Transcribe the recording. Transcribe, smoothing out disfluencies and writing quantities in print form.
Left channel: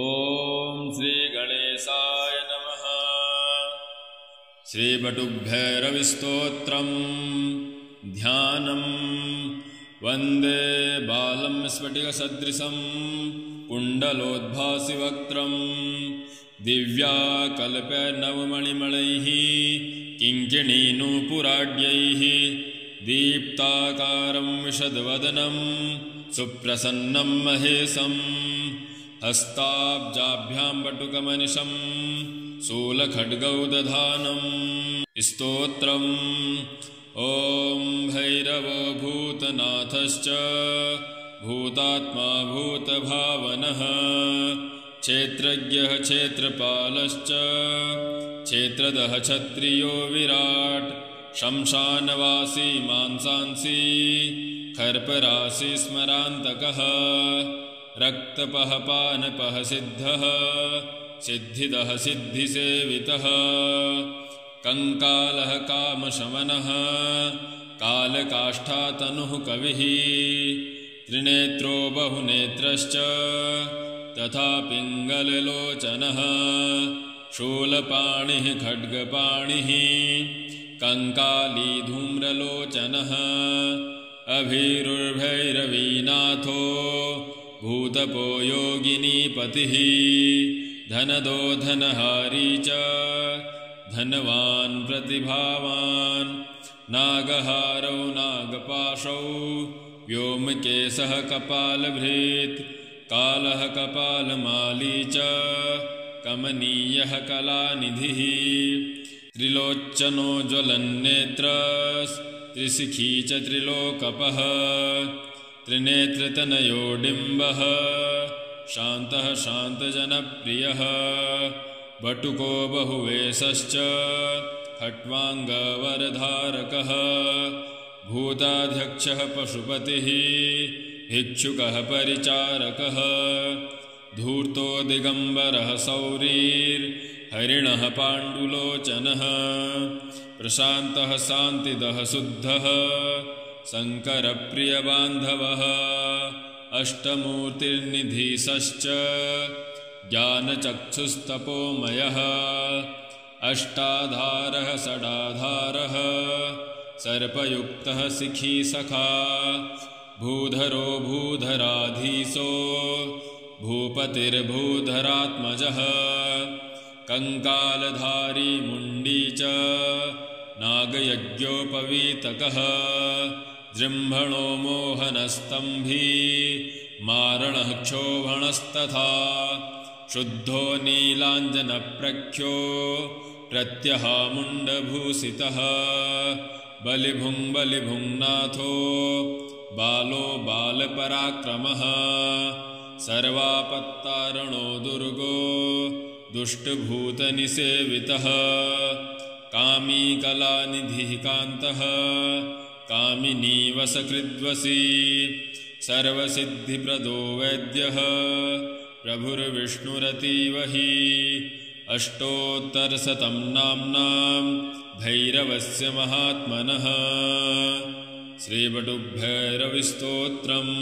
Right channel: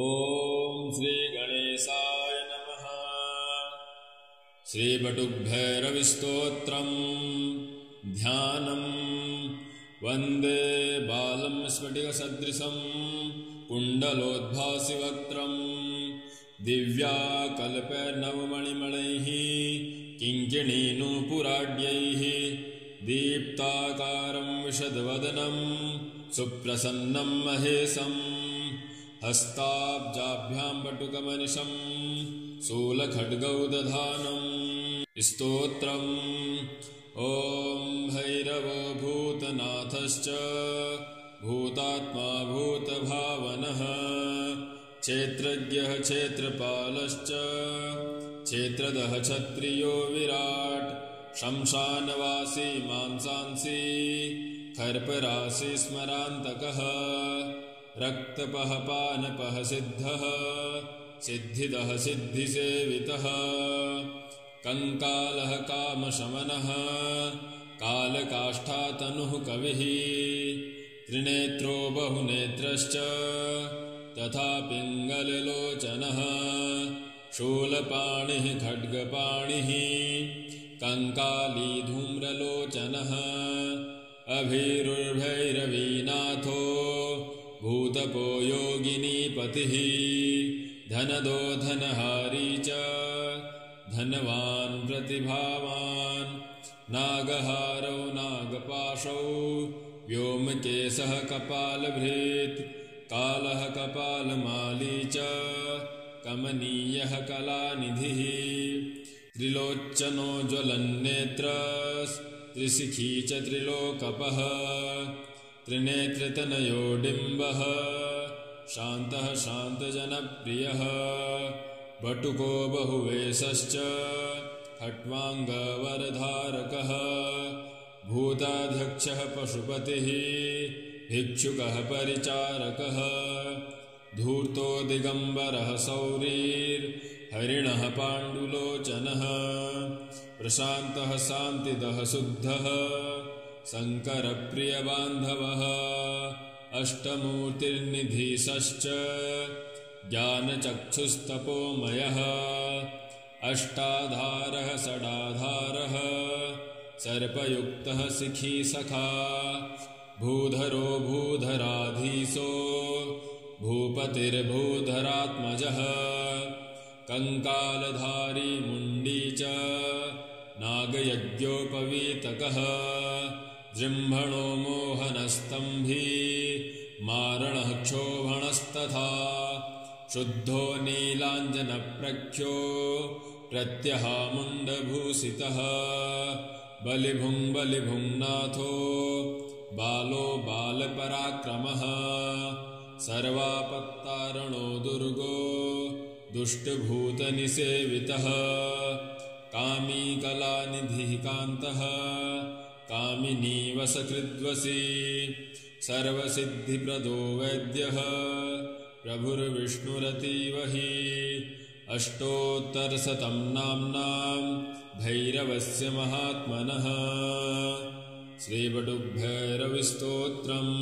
ॐ श्री गणेशाय नमः। श्रीवटुभैरविस्तोत्रम् ध्यानम्। वन्दे बालं स्फटिकसदृशं कुण्डलोद्भासिवक्त्रम् दिव्याकल्पनवमणिमणैः किङ्किणीनूपुराढ्यैः दीप्ताकारं विशदवदनं सुप्रसन्नं महेशम् हस्ताब्जाभ्यां वटुकमनिशं शूलखड्गौदधानम्। स्तोत्रम् ॐ भैरवो भूतनाथश्च भूतात्मा भूतभावनः क्षेत्रज्ञः क्षेत्रपालश्च क्षेत्रदः क्षत्रियो विराट् शंशानवासी मांसांसी खर्पराशि स्मरान्तकः रक्तपः पानपः सिद्धः सिद्धिदः सिद्धिसेवितः कंकालः कामशमनः कालकाष्ठातनुः कविः त्रिनेत्रो बहुनेत्रश्च तथा पिङ्गललोचनः शूलपाणिः खड्गपाणिः कंकाली धूम्रलोचनः अभीरुर्भैरवीनाथो भूतपो योगिनीपतिः धनदो धनहारी च धनवान् प्रतिभावान् नागहारौ नागपाशौ व्योमकेशः कपालभृत् कालः कपालमाली च कमनीयः कलानिधिः त्रिलोचनो ज्वलन्नेत्रस् त्रिशिखी च त्रिलोकपः त्रिनेत्रतनयो डिम्बः शान्तः शान्तजनप्रियः वटुको बहुवेशश्च खट्वाङ्गवरधारकः भूताध्यक्षः पशुपतिः भिक्षुकः परिचारकः धूर्तो दिगम्बरः सौरीर्हरिणः पाण्डुलोचनः प्रशान्तः शान्तिदः शुद्धः शङ्करप्रियबान्धवः अष्टमूर्तिर्निधीशश्च ज्ञानचक्षुस्तपोमयः अष्टाधारः षडाधारः सर्पयुक्तः शिखी सखा भूधरो भूधराधीशो भूपतिर्भूधरात्मजः कंकालधारी मुण्डी च नागयज्ञोपवीतकः जृम्भणो मोहनस्तंभी मारणः क्षोभणस्तथा शुद्धो नीलाञ्जनप्रख्यो प्रत्यहामुण्डभूषितः बलिभुङ्नाथो बालो बालपराक्रमः सर्वापत्तारणो दुर्गो दुष्टभूतनिसेवितः कामी कलानिधिः कान्तः कामिनीवसकृद्वसी सर्वसिद्धिप्रदो वैद्यः प्रभुर्विष्णुरतीव हि अष्टोत्तरशतं नाम्नां भैरवस्य महात्मनः। श्रीवटुभैरविस्तोत्रम्।